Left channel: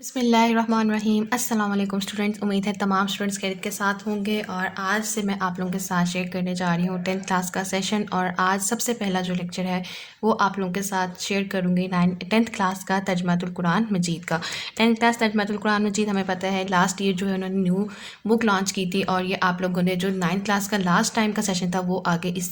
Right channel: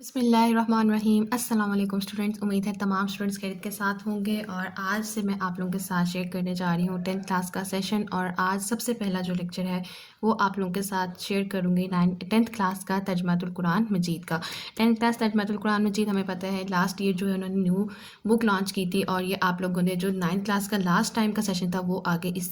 بسم اللہ الرحمن الرحیم۔ السلام علیکم اسٹوڈنٹس، امید ہے تمام اسٹوڈنٹس خیریت کے ساتھ ہوں گے اور آج سے میں آپ لوگوں کے ساتھ شیئر کرنے جا رہی ہوں 10th کلاس کا سیشن۔ اور آج سب سے پہلا جو لیکچر ہے وہ آپ لوگوں کے ساتھ شیئر کروں گی 10th کلاس کا ترجمۃ القرآن مجید کا۔ 10th کلاس ترجمۃ القرآن مجید ہمیں پتہ ہے لاسٹ ایئر جو ہے انہوں نے نیو بک لانچ کی تھی، اور یہ آپ لوگوں نے جو 9th کلاس کا لاسٹ ٹائم کا سیشن تھا وہ آگے اس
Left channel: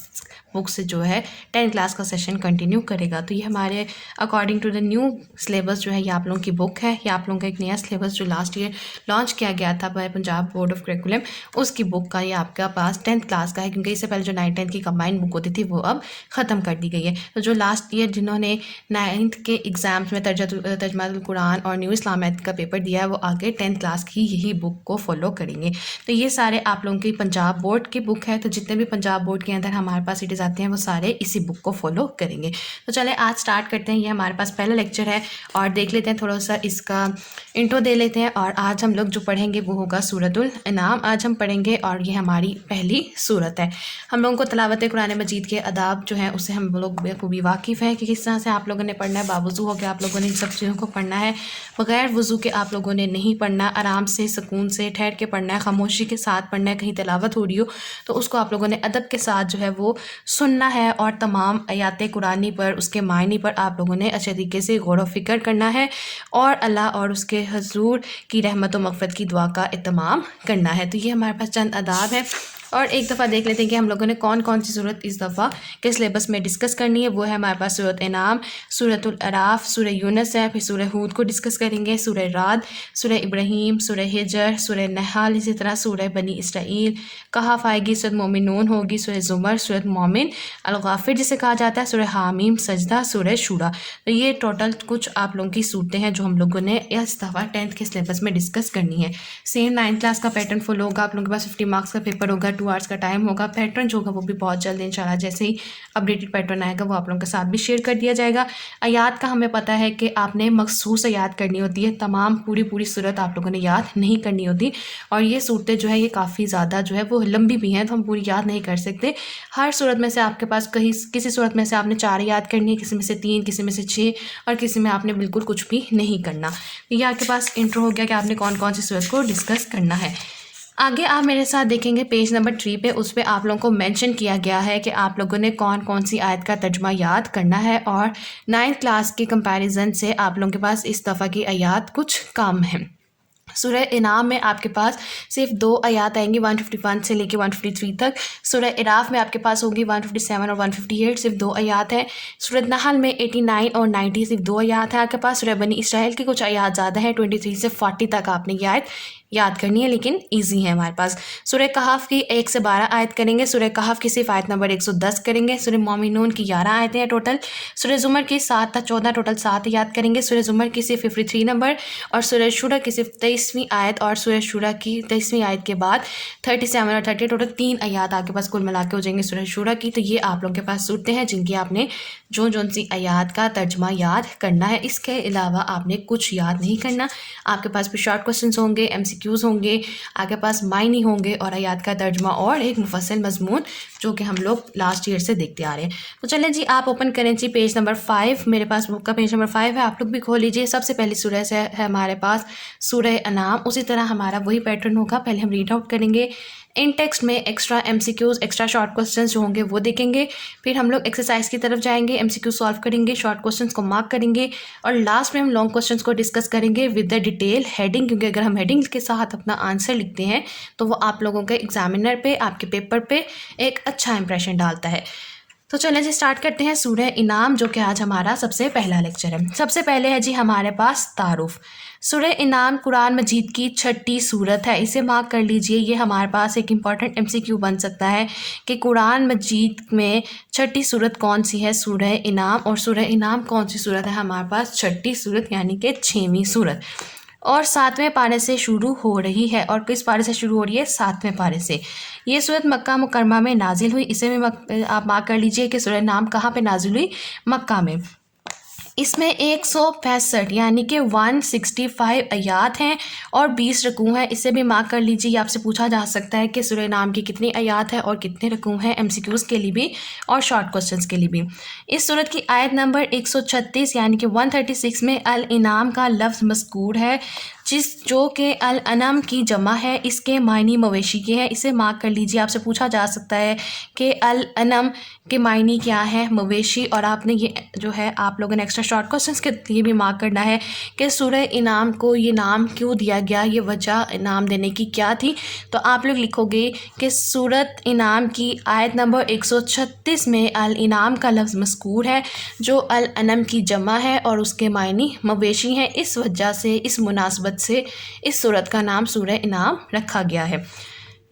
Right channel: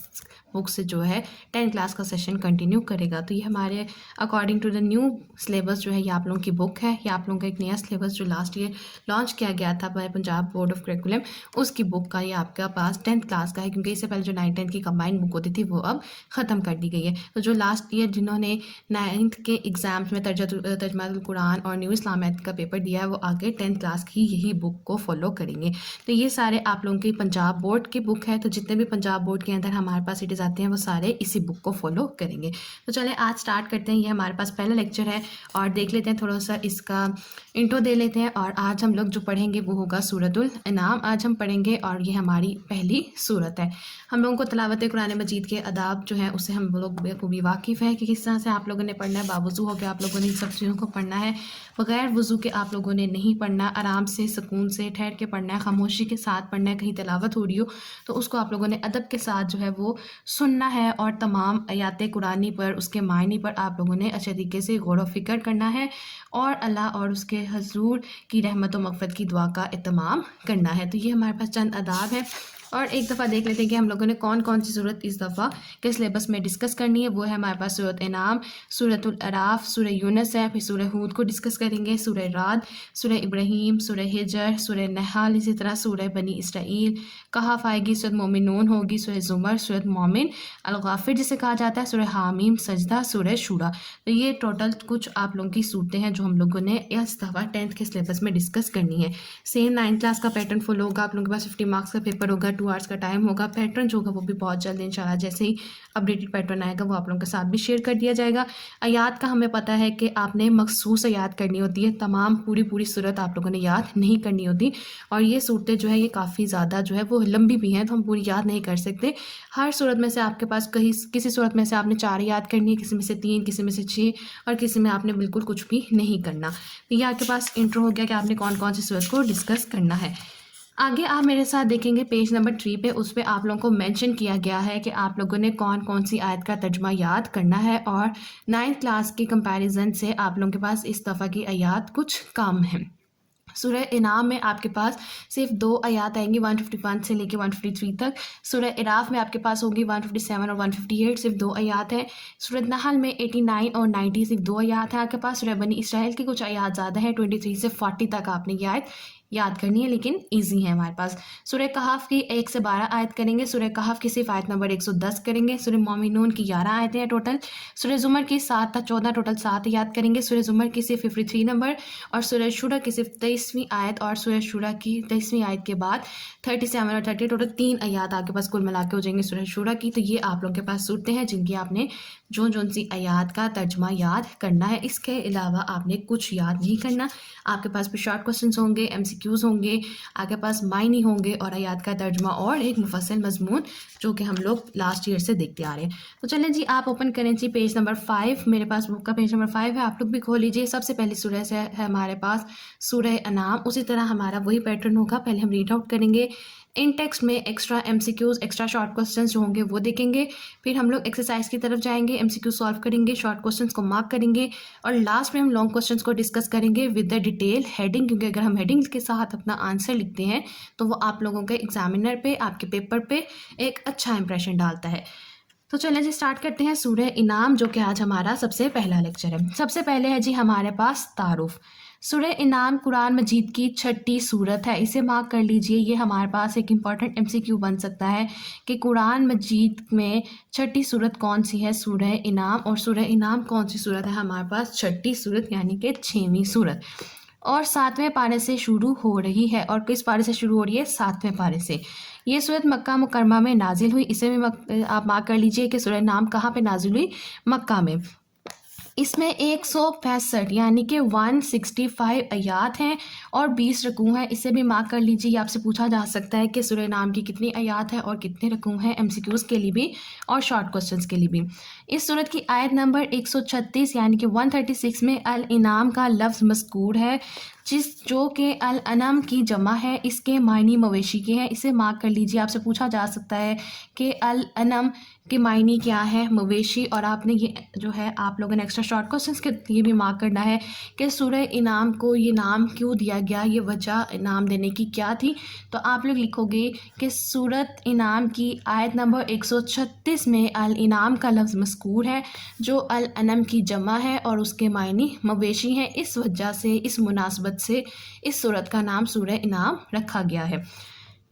بک سے جو ہے 10th کلاس کا سیشن کنٹینیو کرے گا۔ تو یہ ہمارے according to the new syllabus جو ہے یہ آپ لوگوں کی بک ہے، یہ آپ لوگوں کا ایک نیا سلیبس جو لاسٹ ایئر لانچ کیا گیا تھا by Punjab board of curriculum, اس کی بک کا یہ آپ کا پاس 10th کلاس کا ہے، کیونکہ اس سے پہلے جو 9th 10th کی کمبائنڈ بک ہوتی تھی وہ اب ختم کر دی گئی ہے۔ تو جو لاسٹ ایئر جنہوں نے 9th کے ایگزامس میں ترجمہ القرآن اور نیو اسلامیت کا پیپر دیا ہے وہ آگے 10th کلاس کی یہی بک کو فالو کریں گے۔ تو یہ سارے آپ لوگوں کی پنجاب بورڈ کی بک ہے، تو جتنے بھی پنجاب بورڈ کے اندر ہمارے پاس سیٹیز آتے ہیں وہ سارے اسی بک کو فالو کریں گے۔ تو چلیں آج سٹارٹ کرتے ہیں، یہ ہمارے پاس پہلا لیکچر ہے اور دیکھ لیتے ہیں تھوڑا سا اس کا انٹرو دے لیتے ہیں۔ اور آج ہم لوگ جو پڑھیں گے وہ ہوگا سورۃ الانعام آج ہم پڑھیں گے، اور یہ ہماری پہلی سورت ہے۔ ہم لوگوں کو تلاوت قرآن مجید کے آداب جو ہیں اس سے ہم لوگ بخوبی واقف ہیں کہ کس طرح سے آپ لوگوں نے پڑھنا ہے۔ باوضو ہو کے آپ لوگوں نے ان سب چیزوں کو پڑھنا ہے، بغیر وضو کے آپ لوگوں نے نہیں پڑھنا، آرام سے سکون سے ٹھہر کے پڑھنا ہے، خاموشی کے ساتھ پڑھنا ہے۔ کہیں تلاوت ہو رہی ہو تو اس کو آپ لوگوں نے ادب کے ساتھ جو ہے وہ سننا ہے، اور تمام آیات قرآنی پر اس کے معنی پر آپ لوگوں نے اچھے طریقے سے غور و فکر کرنا ہے، اور اللہ اور اس کے حضور کی رحمت و مغفرت کی دعا کا اہتمام کرنا ہے۔ تو یہ ہمارے پاس چند آداب ہیں، اور ایک دفعہ دیکھ لیتے ہیں کہ ہم لوگوں نے کون کون سی صورت اس دفعہ کے سلیبس میں ڈسکس کرنی ہے۔ وہ ہے ہمارے پاس سورۃ انعام، سورۃ الاعراف، سورہ یونس ہے، پھر سورہ ہود کو ڈسکس کریں گے، سورہ رعد، سورہ ابراہیم، سورہ ہجر، سورہ نحل، اسی طرح سورہ بنی اسرائیل، کہف آئے گی، سورۃ مومنون ہوگی، سورہ زمر، سورۃ مومن، الغافر جسے کہا جاتا ہے، سورہ حامیم، سجدہ، سورہ شورا۔ تو یہ ٹوٹل کچھ آپ لوگوں کی صورتیں ہیں جو ہم لوگوں نے اس دفعہ 10th کے سلیبس میں ڈسکس کرنی ہے۔ سیم 9th کلاس کا پیٹرن فالو ہوگا، آپ لوگوں کے پاس 50 مارکس کا پیپر ہوگا، 2 hours کا ٹائم ہوگا۔ پیٹرن جو ہوگا وہ بھی بہت جلد انشاءاللہ جیسے ہی اپڈیٹڈ پیٹرن آئے گا وہ آپ لوگوں کے ساتھ بھی شیئر کر دیا جائے گا۔ آیات کا ہمیں پتہ ہے کہ آپ نے مخصوص آیات کرنی ہوتی ہے، تمام پوری صورت آپ لوگوں نے یاد نہیں کرنی ہوتی، اور یہ صورتیں جو ہے یہ کافی زیادہ جو ہے وہ لمبی بھی ہیں تو ہم پوری یاد نہیں کر سکتے۔ ہر صورت میں سے آپ کے پاس کسی صورت میں سے آپ نے 4 یاد کرنی ہے، کسی میں سے 3، کسی میں سے 6، اور کسی میں آپ نے بالکل کچھ بھی نہیں کرنا۔ یہ آپ کے پاس انٹرو ہو گیا کہ آپ نے کون کون سی صورت کو ڈسکس کرنا ہے۔ آگے آپ میرے ساتھ دیکھیں گے پیج نمبر 3 پہ، اس پہ آپ لوگوں کو مینشن کیا گیا ہے کہ آپ لوگوں نے کون کون سی آیت کا ترجمہ یاد کرنا ہے، اور 9th کلاس کے کمپیریزن سے آپ لوگوں کے پاس اس دفعہ کی آیات کچھ کم ہیں۔ سورہ انعام میں آپ کے پاس صرف 2 آیات آئیں گی، 151 سے لے کے 153 تک۔ سورہ اعراف میں آپ کے پاس ہوگی 157 اور 158، صرف 2 آیات ہیں۔ سورۃ نحل میں 89 اور 90 صرف 2 آیات ہیں آپ کے پاس۔ سورہ بنی اسرائیل کی کچھ آیات زیادہ ہیں، 23 سے 40 تک آپ نے یہ آیت یاد کرنی ہے، لیکن ایزی ہے ہمارے پاس۔ سورہ کہف کی 1 سے 12 آیت کریں گے، سورہ کہف کی صرف آیت نمبر 110 کریں گے۔ سورہ مومنون کی 11 آیتیں ہیں ٹوٹل۔ سورہ زمر کی 7 تا 14 ٹوٹل 7 یاد کریں گے۔ سورہ زمر کی صرف 53 نمبر، اور سورہ شورا کی صرف 23ویں آیت، اور سورہ شورا کی 23ویں آیت کے بعد 37 اور 30 ٹوٹل 3 آیات آپ کے پاس کل ملا کے ہو جائیں گے سورہ شورا کی۔ تو یہ آپ لوگوں کے پاس صورتیں ہیں جن کی آپ نے جون سی آیات کا ترجمہ یاد کرنا ہے۔ اس کے علاوہ آپ نے کچھ یاد نہیں کرنا۔ آپ کے پاس بھی شارٹ کوسچنس ہوں گے، MCQs ہوں گے، آپ کے پاس معنی ہوں گے، اور آیات کا ترجمہ، اور ایک مفصل مضمون جو کہ ہم لوگ لاسٹ ایئر سے دیکھتے آ رہے ہیں۔ تو چلیں جی آپ اوپن کریں جی پیج نمبر 5، میرے پاس بک کا پیج نمبر 5 ہے، آپ لوگ بھی کھول لیجیے۔ سب سے پہلی سورہ سے ہے ہمارے پاس سورہ انعام، اسی طرح ہمارا وہی پیٹرن ہوگا، پہلے ہم ریڈ آؤٹ کریں گے، ان ٹیکسٹ میں extra MCQs، extra short questions جو ہوں گے وہ دیکھیں گے، پھر ہم لوگ ایکسرسائز کی طرف جائیں گے، MCQ سالو کریں گے، شارٹ کوسچنس کو مارک کریں گے، اور لاسٹ میں ہم لانگ کوسچنس کو ڈسکس کریں گے ود دا ڈیٹیل ہیڈنگ، کیونکہ اگر ہم ہیڈنگ کے ساتھ اپنا آنسر لکھتے ہیں تو وہ آپ لوگوں کے ایگزامینر پہ، آپ کے پیپر پہ ایک اچھا امپریشن ڈالتا ہے۔ تو چلیں جی اسٹارٹ کرتے ہیں سورہ انعام، جو کہ آج ہمارا سب سے پہلا لیکچر ہے۔ سب سے پہلے ہے جی ہمارے پاس تعارف۔ سورہ انعام قرآن مجید کی 6ٹھی سورت ہے، اسے مارک کر لیجئے، یہ ہمارے پاس ایک امپورٹنٹ MCQ بن سکتا ہے کہ قرآن مجید میں 6ٹھی سورت کون سی ہے، سورہ انعام، اور سورہ انعام کون سی سورت ہے ہمارے پاس 6ٹھی سورت، یعنی کہ 6ویں سورت، اور 7ویں پارے سے شروع ہو رہی ہے۔ اور کس پارے سے شروع ہو رہی ہے؟ 7ویں پارے سے۔ یہ سورت مکہ مکرمہ میں نازل ہوئی، اسے بھی آپ مارک کر لیجئے کہ سورہ انعام کہاں پہ نازل ہوئی؟ مکہ میں۔ اس میں 165 یعنی کہ 165 آیات ہیں اور 20 رکوع ہیں. اسے بھی مارک کر لیجیے. یہ آپ سے پوچھا جا سکتا ہے کہ سورہ انعام کی کتنی آیات ہے اور کتنے رکوع ہیں، ایم سی کیوز کے لیے بھی اور شارٹ کوسچنس کے لیے بھی. اس سورت کی آیت نمبر 136 یعنی کہ 136 میں الانعام کا لفظ مذکور ہے، جو کہ الانم کی جمع ہے. اس کے معنی مویشی کے ہیں. اسے مارک کر لیجیے. آپ سے پوچھا جا سکتا ہے کہ الانم کے معنی کیا ہے، مویشی. اور آپ نے یہ جو ہے آپ لوگوں نے ایکسٹرا شارٹ کوسچنس کے لیے بھی مارک کرنا ہے کہ سورہ انعام کو یہ نام کیوں دیا گیا، یہ وجہ نام دینے کی کیا تھی. تو آپ لوگ لکھو گے کہ سورت انعام کی آیت نمبر 136 میں الانعام کا لفظ مذکور ہے جو الانم کی جمع ہے اور اس کے معنی مویشی ہیں. اس وجہ سے، اس مناسبت سے اس سورت کا نام سورہ انعام رکھا گیا ہے.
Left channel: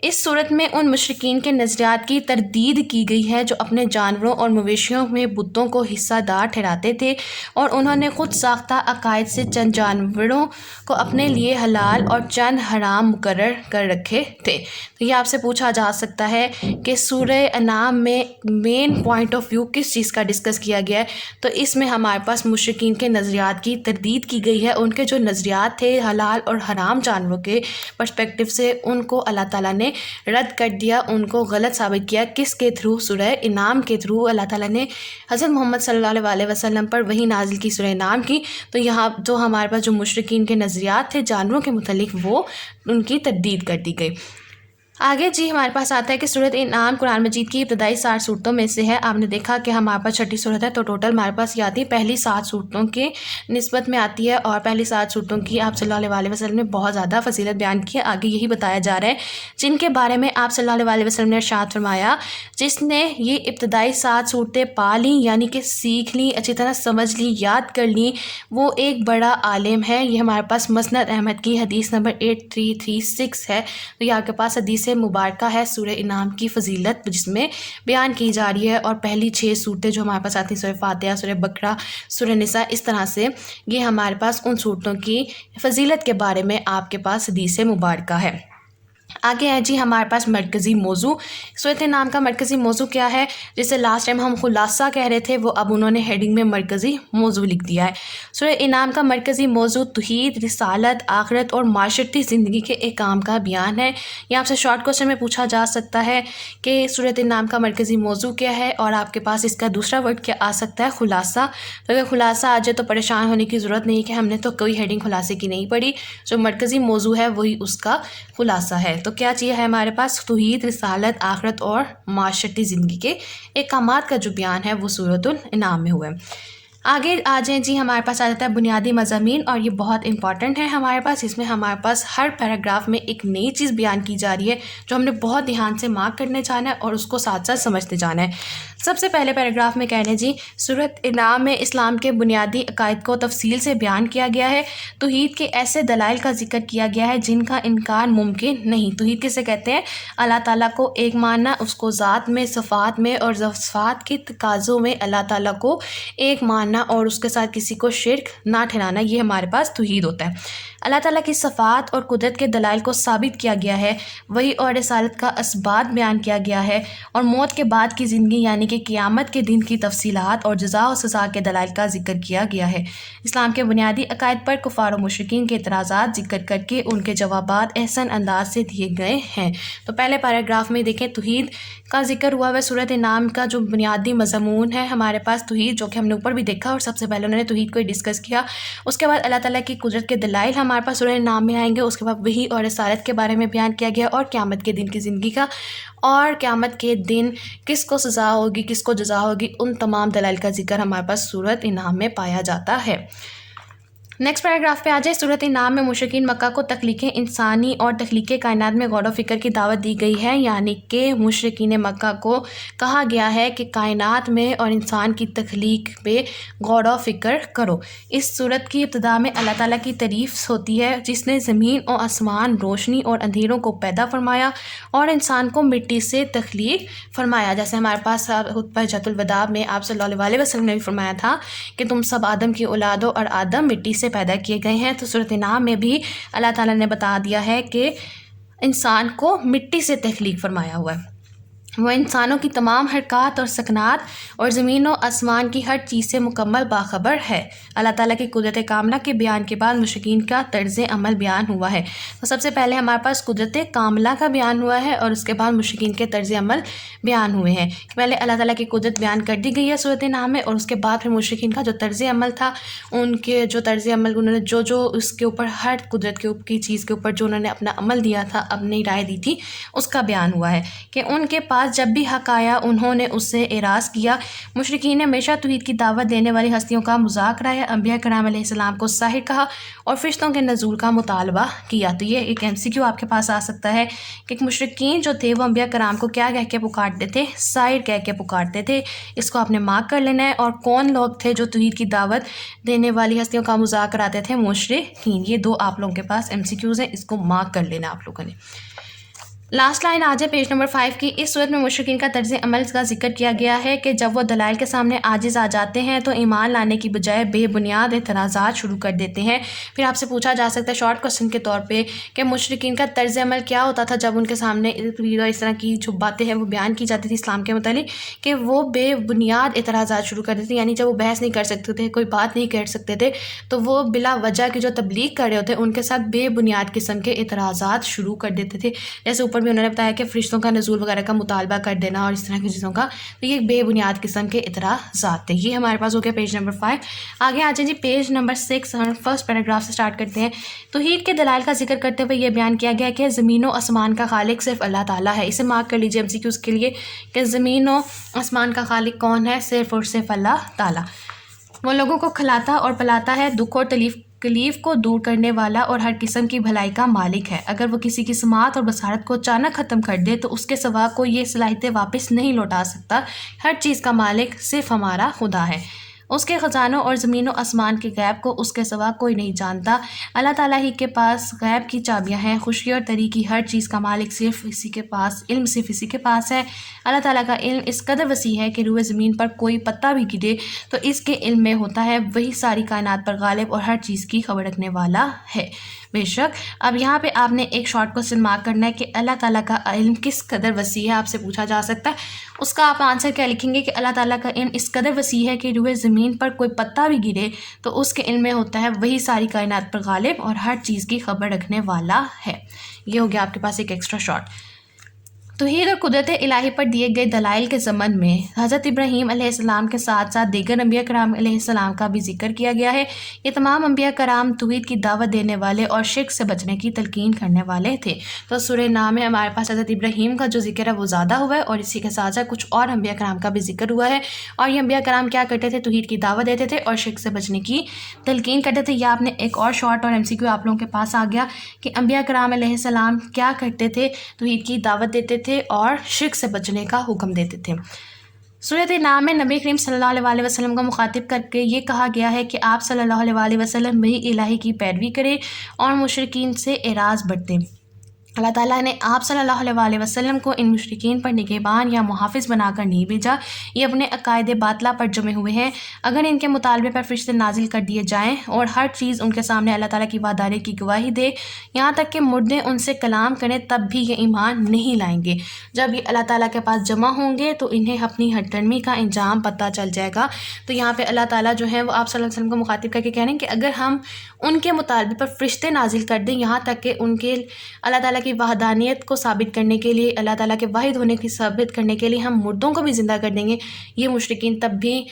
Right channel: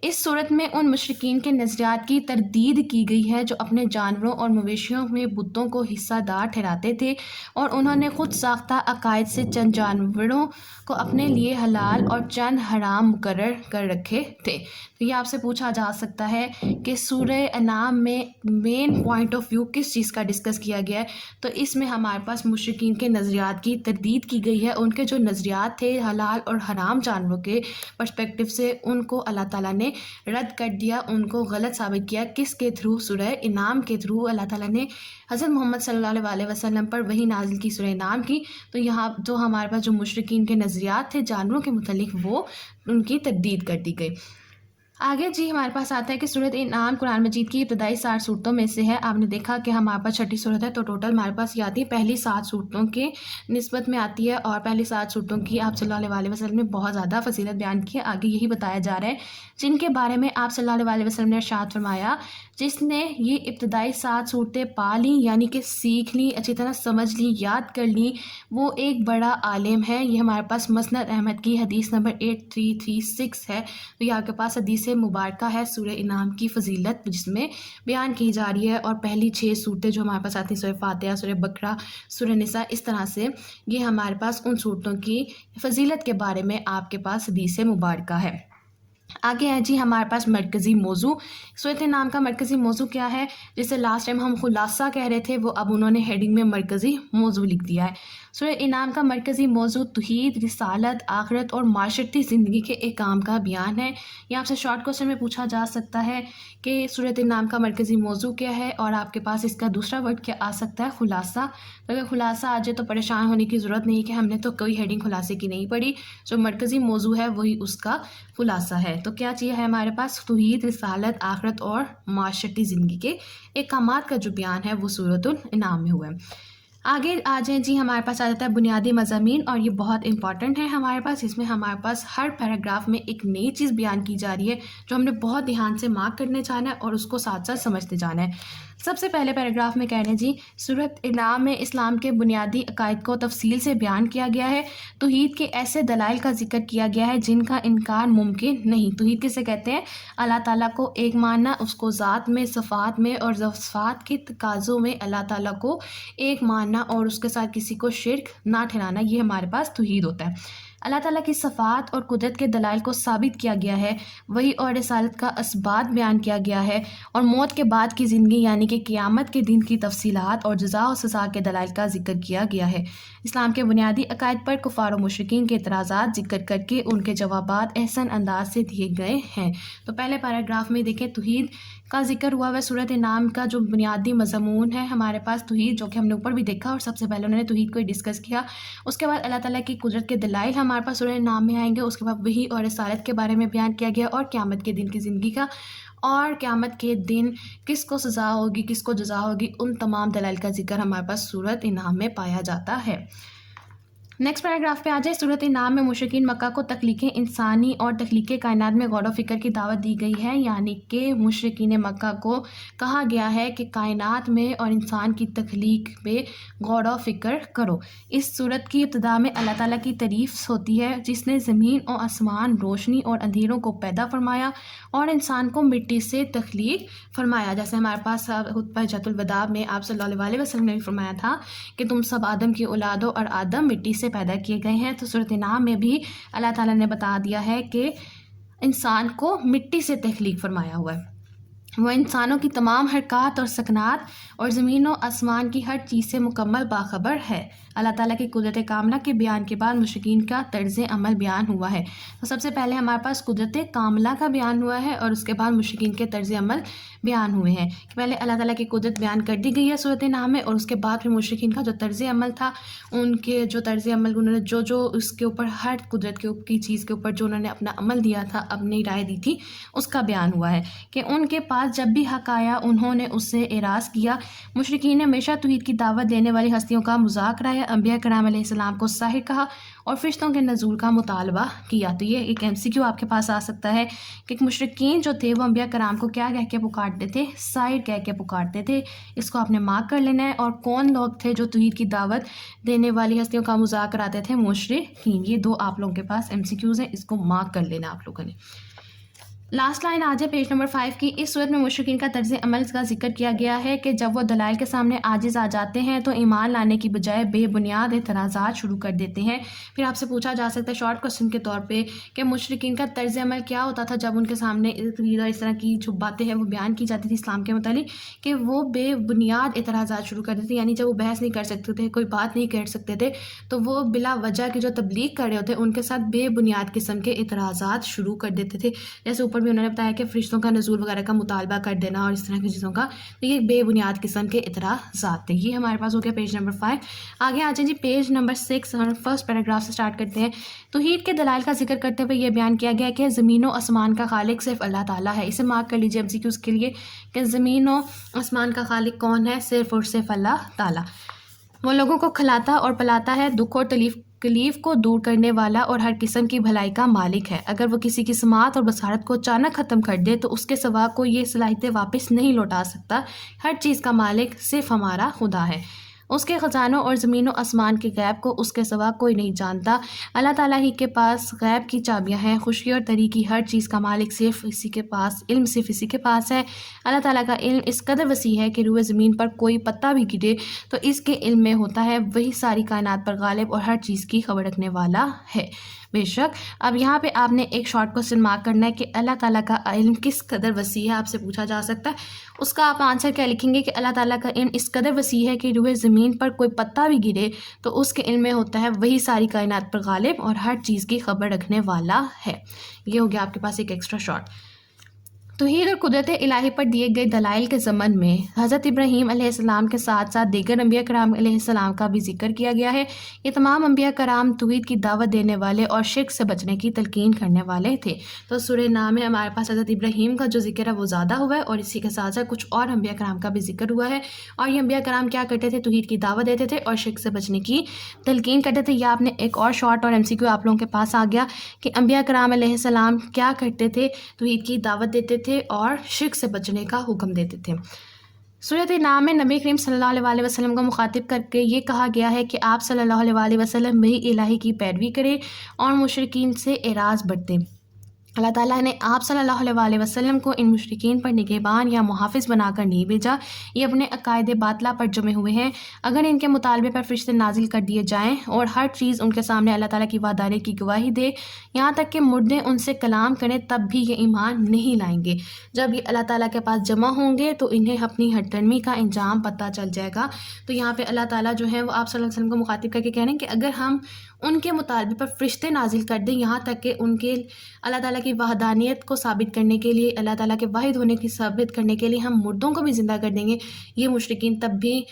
اس صورت میں ان مشرکین کے نظریات کی تردید کی گئی ہے جو اپنے جانوروں اور مویشیوں میں بتوں کو حصہ دار ٹھہراتے تھے اور انہوں نے خود ساختہ عقائد سے چند جانوروں کو اپنے لیے حلال اور چند حرام مقرر کر رکھے تھے. تو یہ آپ سے پوچھا جا سکتا ہے کہ سورہ انعام میں مین پوائنٹ آف ویو کس چیز کا ڈسکس کیا گیا ہے. تو اس میں ہمارے پاس مشرکین کے نظریات کی تردید کی گئی ہے. ان کے جو نظریات تھے حلال اور حرام جانوروں کے پرسپیکٹیو سے، ان کو اللہ تعالیٰ نے رد کر دیا، ان کو غلط ثابت کیا. کس کے تھرو؟ سورہ انعام کے تھرو. اللہ تعالیٰ نے حضرت محمد صلی اللہ علیہ وسلم پر وحی نازل کی سورہ انعام کی. تو یہاں جو ہمارے پاس جو مشرکین کے نظریات تھے جانوروں کے متعلق، وہ ان کی تردید کر دی گئی. آگے جی ہمارے پاس آتا ہے کہ سورۃ انعام قرآن مجید کی ابتدائی 60 صورتوں میں سے ہے. آپ نے دیکھا کہ ہمارے پاس 6ٹھی صورت ہے، تو ٹوٹل ہمارے پاس یہ آتی ہے پہلی 7 صورتوں کے نسبت میں آتی ہے. اور پہلی 7 صورتوں کی آپ صلی اللہ علیہ وسلم نے بہت زیادہ فضیلت بیان کی ہے. آگے یہی بتایا جا رہا ہے جن کے بارے میں آپ صلی اللہ علیہ وسلم نے ارشاد فرمایا، جس نے یہ ابتدائی 7 صورتیں پا لیں یعنی کہ سیکھ لیں، اچھی طرح سمجھ لیں، یاد کر لیں، وہ ایک بڑا عالم ہے. یہ ہمارے پاس مسند احمد کی حدیث نمبر 8336 ہے. تو یہ آپ کے پاس حدیث مبارکہ ہے سورہ انعام کی فضیلت جس میں بیان کی جا رہی ہے. اور پہلی 6 صورتیں جو ہمارے پاس آتی ہیں، سورہ فاتحہ، سورہ بقرہ، سورہ نساء، اس طرح سے یہ ہمارے پاس ان صورتوں کی فضیلت کے بارے میں آپ کے پاس حدیث مبارکہ ہے. آگے ہے جی ہمارے پاس مرکزی موضوع. سورۃ انعام کا مرکزی موضوع کیا ہے؟ جسے لاسٹ ٹائم ہم خلاصہ کہہ رہے تھے، وہ اب انہوں نے ہیڈنگ میں مرکزی موضوع لکھ دیا ہے. سورۃ انعام کا مرکزی موضوع توحید، رسالت، آخرت اور معاشرتی زندگی کے احکام کا بیان ہے. یہ آپ سے شارٹ کوسچن میں پوچھا جا سکتا ہے کہ سورۃ انعام کا مرکزی موضوع کیا ہے، اور آپ کے پاس اس کا دوسرا ورڈ کیا آ سکتا ہے؟ خلاصہ. تو اگر خلاصہ آ جائے تو پریشان ہونے کی ضرورت نہیں کہ ہم نے تو کوئی ہیڈنگ خلاصے کی نہیں پڑھی. جو مرکزی موضوع ہے وہی اس کا خلاصہ ہے. تو کیا چیز ہے ہمارے پاس؟ توحید، رسالت، آخرت اور معاشرتی زندگی کے احکامات کا جو بیان ہے وہ سورۃ الانعام میں ہوا ہے. آگے آ جائیں جی ہمارے پاس آ جاتا ہے بنیادی مضامین، اور یہ بہت امپورٹنٹ ہے ہمارے پاس. اس میں ہمارے پاس ہر پیراگراف میں ایک نئی چیز بیان کی جا رہی ہے جو ہم نے بہت دھیان سے مارک کرنے جانا ہے اور اس کو ساتھ ساتھ سمجھتے جانا ہے. سب سے پہلے پیراگراف میں کہہ رہے ہیں جی سورۃ انعام میں اسلام کے بنیادی عقائد کو تفصیل سے بیان کیا گیا ہے. توحید کے ایسے دلائل کا ذکر کیا گیا ہے جن کا انکار ممکن نہیں. توحید کسے کہتے ہیں؟ اللہ تعالیٰ کو ایک ماننا، اس کو ذات میں، صفات میں اور صفات کے تقاضوں میں اللہ تعالیٰ کو ایک ماننا اور اس کے ساتھ کسی کو شرک نہ ٹھہرانا، یہ ہمارے پاس توحید ہوتا ہے. اللہ تعالیٰ کی صفات اور قدرت کے دلائل کو ثابت کیا گیا ہے. وحی اور رسالت کا اثبات بیان کیا گیا ہے، اور موت کے بعد کی زندگی یعنی کہ قیامت کے دن کی تفصیلات اور جزا و سزا کے دلائل کا ذکر کیا گیا ہے. اسلام کے بنیادی عقائد پر کفار و مشرکین کے اعتراضات ذکر کر کے ان کے جوابات احسن انداز سے دیے گئے ہیں. تو پہلے پیراگراف میں دیکھیں توحید کا ذکر ہوا ہے. سورۃ انعام کا جو بنیادی مضمون ہے ہمارے پاس توحید، جو کہ ہم نے اوپر بھی دیکھا اور سب سے پہلے انہوں نے توحید کو ہی ڈسکس کیا. اس کے بعد اللہ تعالیٰ کی قدرت کے دلائل ہمارے پاس سورۃ انعام میں آئیں گے. اس کے بعد وحی اور رسالت کے بارے میں بیان کیا گیا، اور قیامت کے دن کی زندگی کا، اور قیامت کے دن کس کو سزا ہوگی، کس کو جزا ہوگی، ان تمام دلائل کا ذکر ہمارے پاس سورۃ انعام میں پایا جاتا ہے. نیکسٹ پیراگراف پہ آ جائے. سورۃ انعام میں مشرکین مکہ کو تخلیق انسانی اور تخلیق کائنات میں غور و فکر کی دعوت دی گئی ہے. یعنی کہ مشرکین مکہ کو کہا گیا ہے کہ کائنات میں اور انسان کی تخلیق پہ غور و فکر کرو. اس سورت کی ابتدا میں اللہ تعالیٰ کی تعریف ہوتی ہے جس نے زمین اور آسمان، روشنی اور اندھیروں کو پیدا فرمایا اور انسان کو مٹی سے تخلیق فرمایا. جیسے ہمارے پاس خطبہ حجۃ الوداع میں آپ صلی اللہ علیہ وسلم نے بھی فرمایا تھا کہ تم سب آدم کی اولاد ہو اور آدم مٹی سے پیدا کیے گئے ہیں. تو سورۃ انعام میں بھی اللہ تعالیٰ نے بتا دیا ہے کہ انسان کو مٹی سے تخلیق فرمایا ہوا ہے. وہ انسانوں کی تمام حرکات اور سکنات اور زمین و آسمان کی ہر چیز سے مکمل باخبر ہے۔ اللہ تعالیٰ کی قدرت کاملہ کے بیان کے بعد مشرکین کا طرز عمل بیان ہوا ہے۔ تو سب سے پہلے ہمارے پاس قدرت کاملہ کا بیان ہوا ہے اور اس کے بعد مشرکین کے طرز عمل بیان ہوئے ہیں۔ پہلے اللہ تعالیٰ کی قدرت بیان کر دی گئی ہے سورۃ نحل میں، اور اس کے بعد پھر مشرکین کا جو طرز عمل تھا، ان کے جو طرز عمل انہوں نے جو اس کے اوپر ہر قدرت کے اوپر کی چیز کے اوپر جو انہوں نے اپنا عمل دیا تھا، اپنی رائے دی تھی، اس کا بیان ہوا ہے کہ ان کے پاس جب بھی حق آیا انہوں نے اس سے اعراض کیا۔ مشرکین نے ہمیشہ توحید کی دعوت دینے والی ہستیوں کا مذاق اڑایا، انبیاء کرام علیہ السلام کو ساحر کہا اور فرشتوں کے نزول کا مطالبہ کیا۔ تو یہ ایک MCQ آپ کے پاس آ سکتا ہے کہ مشرکین جو تھے وہ انبیاء کرام کو کیا کہہ کے پکارتے تھے؟ ساحر کہہ کے پکارتے تھے۔ اس کو آپ نے مارک کر لینا ہے۔ اور کون لوگ تھے جو توحید کی دعوت دینے والی ہستیوں کا مذاق اڑاتے تھے؟ مشرکین۔ یہ دو آپ لوگوں کے پاس MCQs ہیں، اس کو مارک کر لینا آپ لوگوں نے۔ لاسٹ لائن آج ہے پیج نمبر 5 کی۔ اس صورت میں مشرکین کا طرز عمل کا ذکر کیا گیا ہے کہ جب وہ دلائل کے سامنے عاجز آ جاتے ہیں تو ایمان لانے کی بجائے بے بنیاد اعتراضات شروع کر دیتے ہیں۔ پھر آپ سے پوچھا جا سکتا ہے شارٹ کوسچن کے طور پہ کہ مشرکین کا طرز عمل کیا ہوتا تھا جب ان کے سامنے اس طرح کی جو باتیں ہیں وہ بیان کی جاتی تھی اسلام کے متعلق، کہ وہ بے بنیاد اعتراضات شروع کر دیتے تھے، یعنی جب وہ بحث نہیں کر سکتے تھے، کوئی بات نہیں کر سکتے تھے، تو وہ بلا وجہ کی جو تبلیغ کر رہے ہوتے ان کے ساتھ بے بنیاد قسم کے اعتراضات شروع کر دیتے تھے۔ جیسے اوپر بھی انہوں نے بتایا کہ فرشتوں کا نزول وغیرہ کا مطالبہ کر دینا اور اس طرح کی چیزوں کا، تو یہ بے بنیاد قسم کے اعتراضات تھے۔ یہ ہمارے پاس ہو گیا پیج نمبر 5۔ آگے آ جائیں جی پیج نمبر 6، ہم فرسٹ پیراگراف سے سٹارٹ کرتے ہیں۔ توحید کے دلائل کا ذکر کرتے ہوئے یہ بیان کیا گیا کہ زمین و آسمان کا خالق صرف اللہ تعالیٰ ہے۔ اسے مارک کر لیجیے MCQs کے لیے کہ زمین و آسمان کا خالق کون ہے؟ صرف اور صرف اللہ تعالیٰ۔ وہ لوگوں کو کھلاتا اور پلاتا ہے، دکھ اور تکلیف کو دور کرنے والا اور ہر قسم کی بھلائی کا مالک ہے۔ اگر وہ کسی کی سماعت اور بصارت کو اچانک ختم کر دے تو اس کے سوا کوئی یہ صلاحیتیں واپس نہیں لوٹا سکتا۔ ہر چیز کا مالک صرف ہمارا خدا ہے۔ اس کے خزانوں اور زمین و آسمان کے غیب کو اس کے سوا کوئی نہیں جانتا۔ اللہ تعالیٰ ہی کے پاس غیب کی چابیاں ہیں، خوشی اور تری کی ہر چیز کا مالک صرف اسی کے پاس، علم صرف اسی کے پاس ہے۔ اللہ تعالیٰ کا علم اس قدر وسیع ہے کہ روئے زمین پر کوئی پتا بھی گرے تو اس کے علم میں ہوتا ہے، وہی ساری کائنات پر غالب اور ہر چیز کی خبر رکھنے والا ہے۔ بے شک اب یہاں پہ آپ نے ایک شارٹ کوسچن مارک کرنا ہے کہ اللہ تعالیٰ کا علم کس قدر وسیع ہے، آپ سے پوچھا جا سکتا ہے۔ اس کا آپ آنسر کیا لکھیں گے کہ اللہ تعالیٰ کا علم اس قدر وسیع ہے کہ روئے زمین پر کوئی پتا بھی گرے تو اس کے علم میں ہوتا ہے، وہی ساری کائنات پر غالب اور ہر چیز کی خبر رکھنے والا ہے۔ یہ ہو گیا آپ کے پاس ایک ایکسٹرا شارٹ۔ توحید اور قدرت الہی پر دیے گئے دلائل کے ضمن میں حضرت ابراہیم علیہ السلام کے ساتھ ساتھ دیگر انبیاء کرام علیہ السلام کا بھی ذکر کیا گیا ہے۔ یہ تمام انبیاء کرام توحید کی دعوت دینے والے اور شرک سے بچنے کی تلقین کرنے والے تھے۔ تو سورہ نحل میں ہمارے پاس حضرت ابراہیم کا جو ذکر ہے وہ زیادہ ہوا ہے، اور اسی کے ساتھ ساتھ کچھ اور انبیاء کرام کا بھی ذکر ہوا ہے، اور یہ انبیاء کرام کیا کرتے تھے؟ توحید کی دعوت دیتے تھے اور شرک سے بچنے کی تلقین کرتے تھے۔ یہ آپ نے ایک اور شارٹ اور MCQ آپ لوگوں کے پاس آ گیا کہ انبیاء کرام علیہ السلام کیا کرتے تھے؟ توحید کی دعوت دیتے تھے اور شرک سے بچنے کا حکم دیتے تھے۔ سورۃ نحل میں نبی کریم صلی اللہ علیہ وسلم کو مخاطب کر کے یہ کہا گیا ہے کہ آپ صلی اللہ علیہ وسلم وحی الہی کی پیروی کریں اور مشرکین سے اعراض برتیں۔ اللہ تعالیٰ نے آپ صلی اللہ علیہ وسلم کو ان مشرکین پر نگہبان یا محافظ بنا کر نہیں بھیجا، یہ اپنے عقائد باطلہ پر جمے ہوئے ہیں۔ اگر ان کے مطالبے پر فرشتے نازل کر دیے جائیں اور ہر چیز ان کے سامنے اللہ تعالیٰ کی وحدانیت کی گواہی دے، یہاں تک کہ مردے ان سے کلام کریں، تب بھی یہ ایمان نہیں لائیں گے۔ جب یہ اللہ تعالیٰ کے پاس جمع ہوں گے تو انہیں اپنی ہٹ درمی کا انجام پتہ چل جائے گا۔ تو یہاں پہ اللہ تعالیٰ جو ہے وہ آپ صلی اللہ علیہ وسلم کو مخاطب کر کے کہہ رہے ہیں کہ اگر ہم ان کے مطالبے پر فرشتے نازل کر دیں، یہاں تک کہ ان کے اللہ تعالیٰ کی وحدانیت کو ثابت کرنے کے لیے، اللہ تعالیٰ کے واحد ہونے کی ثابت کرنے کے لیے ہم مردوں کو بھی زندہ کر دیں گے، یہ مشرکین تب بھی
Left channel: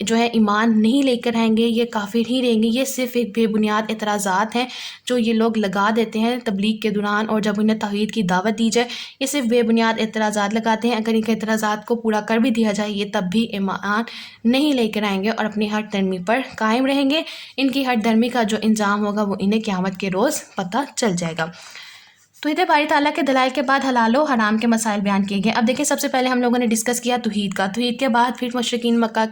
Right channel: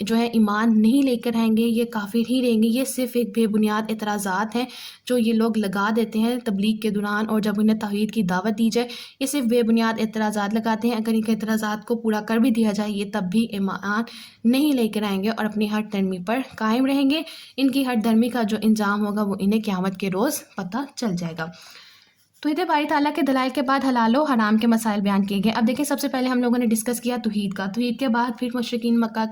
جو ہے ایمان نہیں لے کر آئیں گے، یہ کافر ہی رہیں گے۔ یہ صرف ایک بے بنیاد اعتراضات ہیں جو یہ لوگ لگا دیتے ہیں تبلیغ کے دوران، اور جب انہیں توحید کی دعوت دی جائے یہ صرف بے بنیاد اعتراضات لگاتے ہیں۔ اگر ان کے اعتراضات کو پورا کر بھی دیا جائے یہ تب بھی ایمان نہیں لے کر آئیں گے اور اپنی ہٹ درمی پر قائم رہیں گے۔ ان کی ہٹ درمی کا جو انجام ہوگا وہ انہیں قیامت کے روز پتہ چل جائے گا۔ توحید باری تعالیٰ کے دلائل کے بعد حلال و حرام کے مسائل بیان کیے گئے۔ اب دیکھیں سب سے پہلے ہم لوگوں نے ڈسکس کیا توحید کا، توحید کے بعد پھر مشرکین مکہ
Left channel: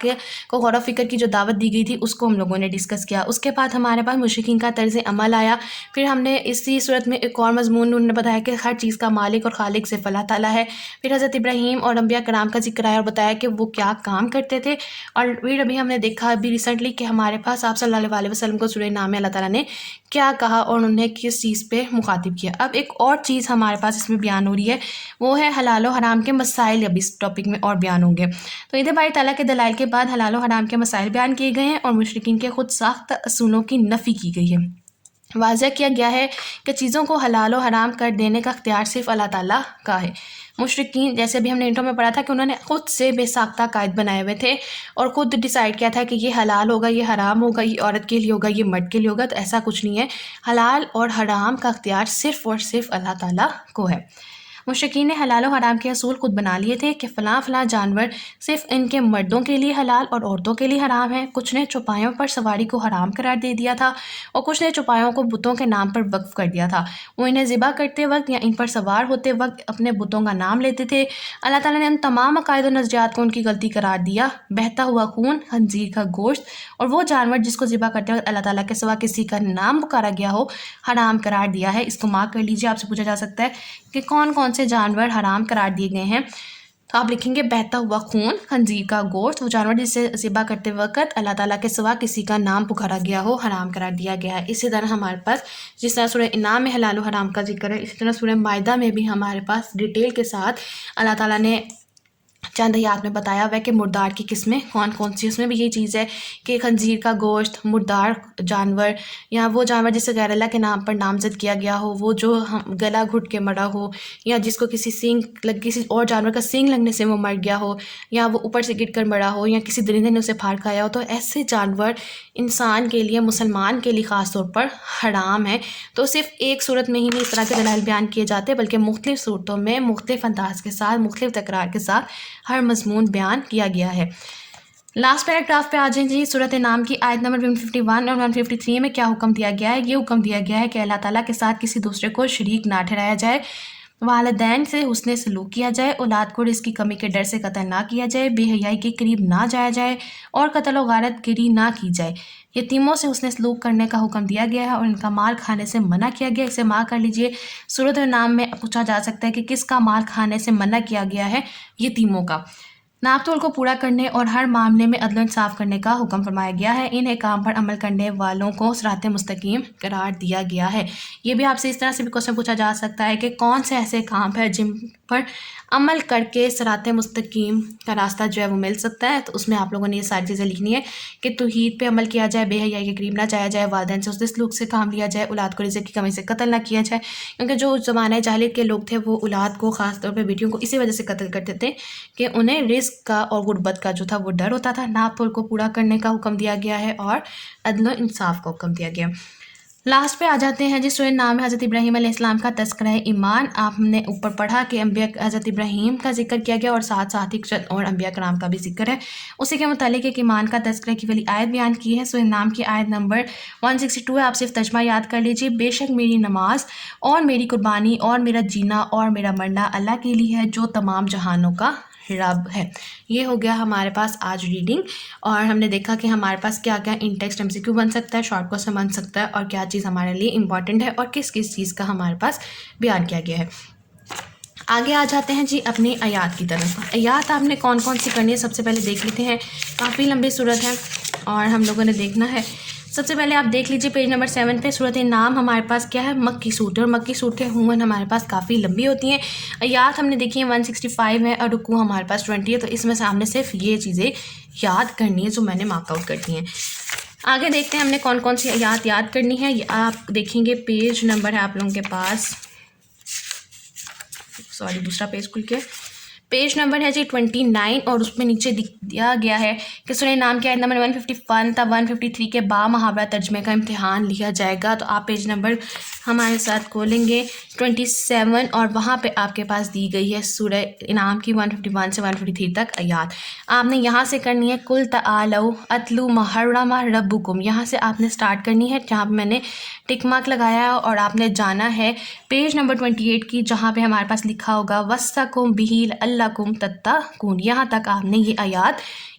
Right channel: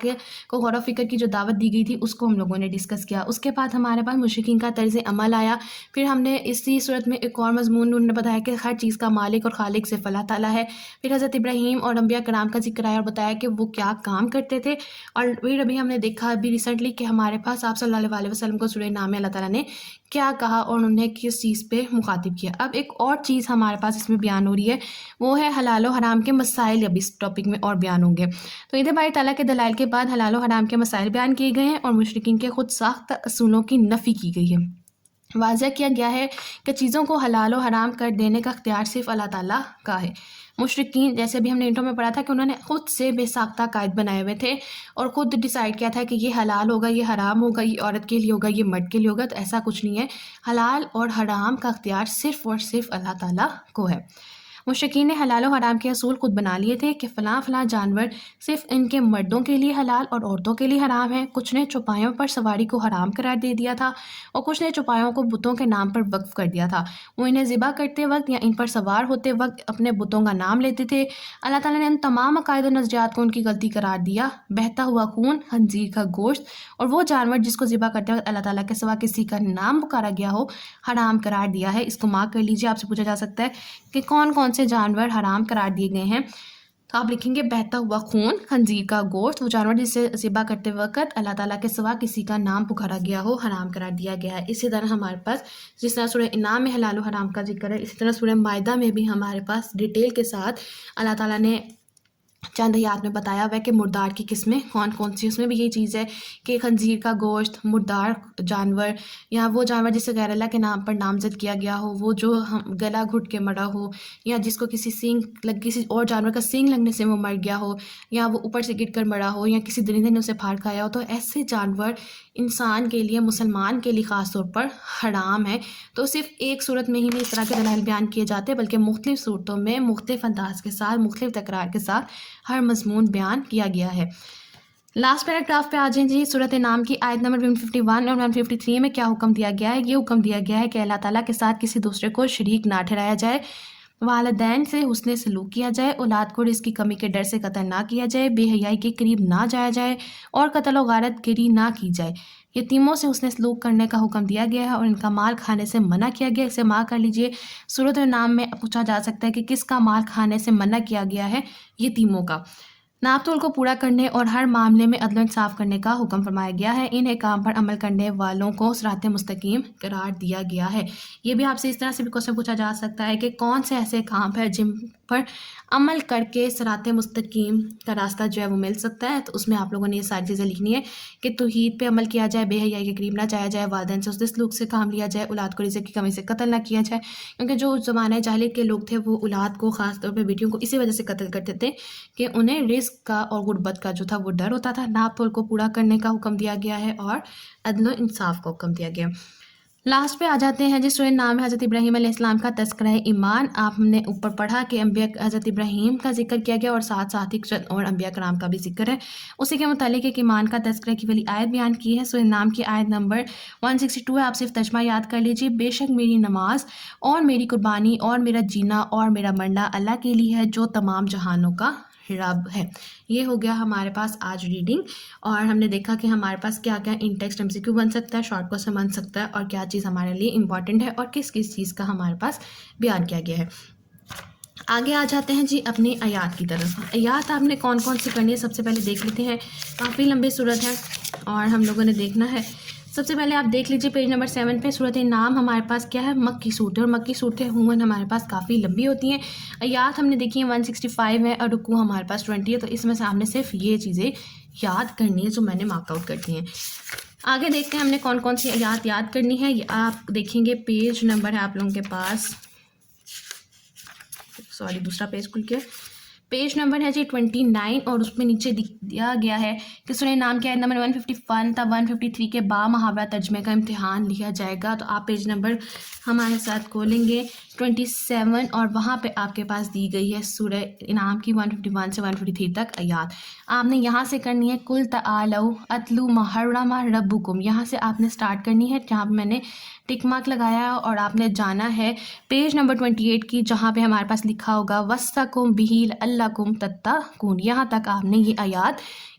کو غور و فکر کی جو دعوت دی گئی تھی اس کو ہم لوگوں نے ڈسکس کیا۔ اس کے بعد ہمارے پاس مشرکین کا طرز عمل آیا، پھر ہم نے اسی صورت میں ایک اور مضمون انہوں نے بتایا کہ ہر چیز کا مالک اور خالق صرف اللہ تعالیٰ ہے۔ پھر حضرت ابراہیم اور انبیاء کرام کا ذکر آیا اور بتایا کہ وہ کیا کام کرتے تھے، اور پھر ابھی ہم نے دیکھا ابھی ریسنٹلی کہ ہمارے پاس آپ صلی اللہ علیہ وسلم کو سورہ نحل میں اللہ تعالیٰ نے کیا کہا اور انہیں کس چیز پہ مخاطب کیا۔ اب ایک اور چیز ہمارے پاس اس میں بیان ہو رہی ہے، وہ ہے حلال و حرام کے مسائل، اب اس ٹاپک میں اور بیان ہوں گے۔ تو ادھر باری تعالیٰ کے دلائل کے بعد حلال و حرام کے مسائل بیان کیے گئے ہیں اور مشرکین کے خود ساختہ اصولوں کی نفی کی گئی ہے۔ واضح کیا گیا ہے کہ چیزوں کو حلال و حرام کر دینے کا اختیار صرف اللہ تعالیٰ کا ہے۔ مشرکین، جیسے بھی ہم نے انٹرو میں پڑھا تھا کہ انہوں نے خود سے بے ساختہ قائد بنائے ہوئے تھے اور خود ڈیسائیڈ کیا تھا کہ یہ حلال ہوگا، یہ حرام ہوگا، یہ عورت کے لیے ہوگا، یہ مرد کے لیے ہوگا۔ تو ایسا کچھ نہیں ہے، حلال اور حرام کا اختیار صرف اور صرف اللہ تعالیٰ کو ہے۔ مشرکین نے حلال و حرام کے اصول خود بنا لیے تھے کہ فلاں فلاں جانور صرف ان کے مردوں کے لیے حلال اور عورتوں کے لیے حرام ہے۔ کچھ نے چوپایوں پر سواری کو حرام قرار دے دیا تھا اور کچھ نے چوپایوں کو بتوں کے نام پر وقف کر دیا تھا۔ وہ انہیں ذبح کرتے وقت یا ان پر سوار ہوتے وقت اپنے بتوں کا نام لیتے تھے۔ اللہ تعالیٰ نے ان تمام عقائد و نظریات کو ان کی غلطی قرار دیا۔ بہتا ہوا خون، خنزیر کا گوشت اور وہ جانور جس کو ذبح کرتے وقت اللہ تعالیٰ کے سوا کسی کا نام پکارا گیا ہو، حرام قرار دیا ہے۔ اس کو مارک کر لیجیے، آپ سے پوچھا جا سکتا ہے کہ کون کون سے جانور حرام قرار دیے گئے ہیں۔ تو آپ لکھیں گے بہتا ہوا خون، خنزیر کا گوشت، وہ جانور جسے ذبح کرتے وقت اللہ تعالیٰ کے سوا کسی کا نام پکارا گیا ہو، حرام قرار دیا گیا ہے۔ اسی طرح ہمارے پاس جس طرح سورہ انعام میں حلال و حرام کا ذکر ہے، اسی طرح سورہ مائدہ میں بھی ہمارے پاس ڈیٹیل کے ساتھ اللہ تعالیٰ نے چند آیات میں بتایا ہوا ہے کہ مردار کی قسمیں کون کون سی۔ اس میں بھی یہی چیز ہے کہ خنزیر کا گوشت، مردار جانور یا وہ جانور جسے غیر اللہ کے نام پر نامزد کیا گیا ہو، وہ جو گلا گھٹ کے مرا ہو، یا جس کو کسی اور جانور کا سینگ لگنے سے وہ مر گیا ہو، یا وہ اوپر سے گر کر مرا ہو، یا کسی درندے نے اسے پھاڑ کھایا ہو، تو ایسے جانور انسان کے لیے، مسلمان کے لیے خاص طور پر حرام ہے۔ تو صرف ایک صورت میں ہی نہیں اس طرح کے دلائل بیان کیے جاتے، بلکہ مختلف صورتوں میں مختلف انداز کے ساتھ، مختلف تکرار کے ساتھ ہر مضمون بیان کیا گیا ہے۔ لاسٹ پیراگراف پہ آ جائیں جی۔ سورۃ انعام کی آیت نمبر 151 اور 153 میں کیا حکم دیا گیا ہے؟ یہ حکم دیا گیا ہے کہ اللہ تعالیٰ کے ساتھ کسی دوسرے کو شریک نہ ٹھہرایا جائے، والدین سے حسن سلوک کیا جائے، اولاد کو رزق کی کمی کے ڈر سے قتل نہ کیا جائے، بے حیائی کے قریب نہ جایا جائے اور قتل و غارت گری نہ کی جائے۔ یتیموں سے حسن سلوک کرنے کا حکم دیا گیا ہے اور ان کا مال کھانے سے منع کیا گیا ہے۔ اسے مارک کر لیجئے۔ سورۃ الانعام میں پوچھا جا سکتا ہے کہ کس کا مال کھانے سے منع کیا گیا ہے؟ یتیموں کا۔ ناپ تول کو پورا کرنے اور ہر معاملے میں عدل و انصاف کرنے کا حکم فرمایا گیا ہے۔ ان احکام پر عمل کرنے والوں کو صراط مستقیم قرار دیا گیا ہے۔ یہ بھی آپ سے اس طرح سے بھی کوسچن پوچھا جا سکتا ہے کہ کون سے ایسے کام ہیں جن پر عمل کر کے صراط مستقیم کا راستہ جو ہے وہ مل سکتا ہے۔ تو اس میں آپ لوگوں نے یہ ساری چیزیں لکھنی ہے کہ توحید پہ عمل کیا جائے، بے حیائی کے قریب نہ جایا جائے، والدین سے حسن سلوک سے کام لیا جائے، اولاد کو رزق کی کمی سے قتل نہ کیا جائے، کیونکہ جو زمانہ جاہلیت کے لوگ تھے وہ اولاد کو خاص طور پہ بیٹیوں کو اسی وجہ سے قتل کرتے تھے کہ انہیں رزق کا اور غربت کا جو تھا وہ ڈر ہوتا تھا۔ ناپ تول کو پورا کرنے کا حکم دیا گیا ہے اور عدل و انصاف کا حکم دیا گیا۔ لاسٹ پہ آ جاتے ہیں جس سورہ نام ہے حضرت ابراہیم علیہ السلام کا تذکرہ ایمان۔ آپ نے اوپر پڑھا کہ انبیاء حضرت ابراہیم کا ذکر کیا گیا اور ساتھ ساتھ ہی چند اور انبیاء کرام کا بھی ذکر ہے۔ اسی کے متعلق ایک ایمان کا تذکرہ کی والی آیت بیان کی ہے۔ سورہ نام کی آیت نمبر 162 ہے، آپ صرف ترجمہ یاد کر لیجیے۔ بے شک میری نماز اور میری قربانی اور میرا جینا اور میرا مرنا اللہ کے لیے ہے جو تمام جہانوں کا رب ہے۔ یہ ہو گیا ہمارے پاس آج ریڈنگ، اور ہم نے دیکھا کہ ہمارے پاس کیا کیا ان ٹیکسٹ ایم سی کیو بن سکتا ہے، شارٹ کوسچن بن سکتا ہے، اور کیا چیز ہمارے لیے امپورٹنٹ ہے اور کس کس چیز کا ہمارے پاس بیان کیا گیا ہے۔ آگے آ جاتے ہیں جی اپنی آیات کی طرف۔ آیات آپ نے کون کون سی کرنی ہے سب سے پہلے دیکھ لیتے ہیں۔ کافی لمبی صورت ہے اور ہم لوگوں نے دیکھنا ہے۔ سب سے پہلے آپ دیکھ لیجئے پیج نمبر 7 پہ سورۃ انعام ہمارے پاس کیا ہے؟ مکی صورت ہے، اور مکی صورتیں عموماً ہمارے پاس کافی لمبی ہوتی ہیں۔ آیات ہم نے دیکھی ہیں 165 ہے اور رکوع ہمارے پاس 20 ہے، تو اس میں سے ہم نے صرف یہ چیزیں یاد کرنی ہے جو میں نے مارک آؤٹ کر دی ہیں۔ آگے دیکھتے ہیں ہم نے کون کون سی آیات یاد کرنی ہے۔ یہ آپ دیکھیں گے پیج نمبر ہے آپ لوگوں کے پاس، دوسرا پیج کھل کے پیج نمبر ہے جی 29، اور اس میں نیچے دیا گیا ہے کہ سورہ نام کی آیت نمبر 151 تا 153 کے با محاورہ ترجمے کا امتحان لیا جائے گا۔ تو آپ پیج نمبر ہمارے ساتھ کھولیں گے 27، اور وہاں پہ آپ کے پاس دی گئی ہے سورہ انعام کی 151 سے 153 تک آیات۔ آپ نے یہاں سے کرنی ہے قُلْ تَعَالَوْا أَتْلُوا مَا حَرَّمَ رَبُّكُمْ، یہاں سے آپ نے سٹارٹ کرنی ہے جہاں پہ میں نے ٹک مارک لگایا ہے، اور آپ نے جانا ہے پیج نمبر 28 کی جہاں پہ ہمارے پاس لکھا ہوگا وَاسْتَقُمْ بِهِ لَعَلَّكُمْ تَتَّقُونَ، یہاں تک آپ نے یہ آیات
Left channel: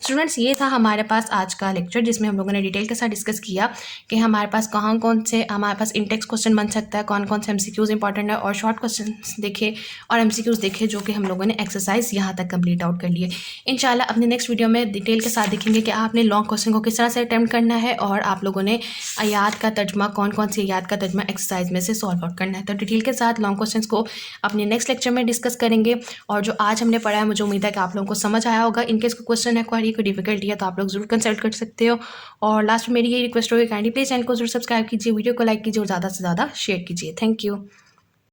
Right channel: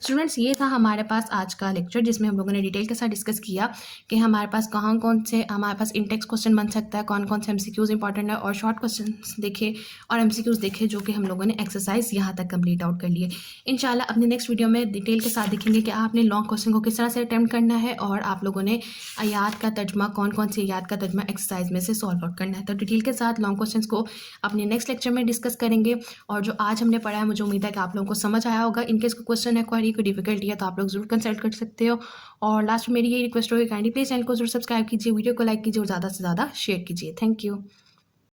اسٹوڈنٹس یہ تھا ہمارے پاس آج کا لیکچر، جس میں ہم لوگوں نے ڈیٹیل کے ساتھ ڈسکس کیا کہ ہمارے پاس کون سے ہمارے پاس انٹیکس کوسچن بن سکتا ہے، کون سے ایم سی کیوز امپورٹنٹ ہے، اور شارٹ کوسچنس دیکھے اور ایم سی کیوز دیکھے جو کہ ہم لوگوں نے ایکسرسائز یہاں تک کمپلیٹ آؤٹ کر لیے. انشاءاللہ اپنی نیکسٹ ویڈیو میں ڈیٹیل کے ساتھ دیکھیں گے کہ آپ نے لانگ کوسچن کو کس طرح سے اٹیمپٹ کرنا ہے، اور آپ لوگوں نے آیات کا ترجمہ کون سی آیات کا ترجمہ ایکسرسائز میں سے سالو آؤٹ کرنا ہے. تو ڈیٹیل کے ساتھ لانگ کوسچنس کو اپنے نیکسٹ لیکچر میں ڈسکس کریں گے. اور جو آج ہم نے پڑھا ہے مجھے امید ہے کہ آپ لوگوں کو سمجھ آیا ہوگا. ان کیس کوئی کوسچن ہے، کوئی ڈیفیکلٹی ہے تو آپ لوگ ضرور کنسلٹ کر سکتے ہو. اور لاسٹ میں میری یہ ریکویسٹ ہوگی، کائنڈلی پلیز چینل کو ضرور سبسکرائب کیجیے، ویڈیو کو لائک کیجیے اور زیادہ سے زیادہ شیئر کیجیے. Thank you.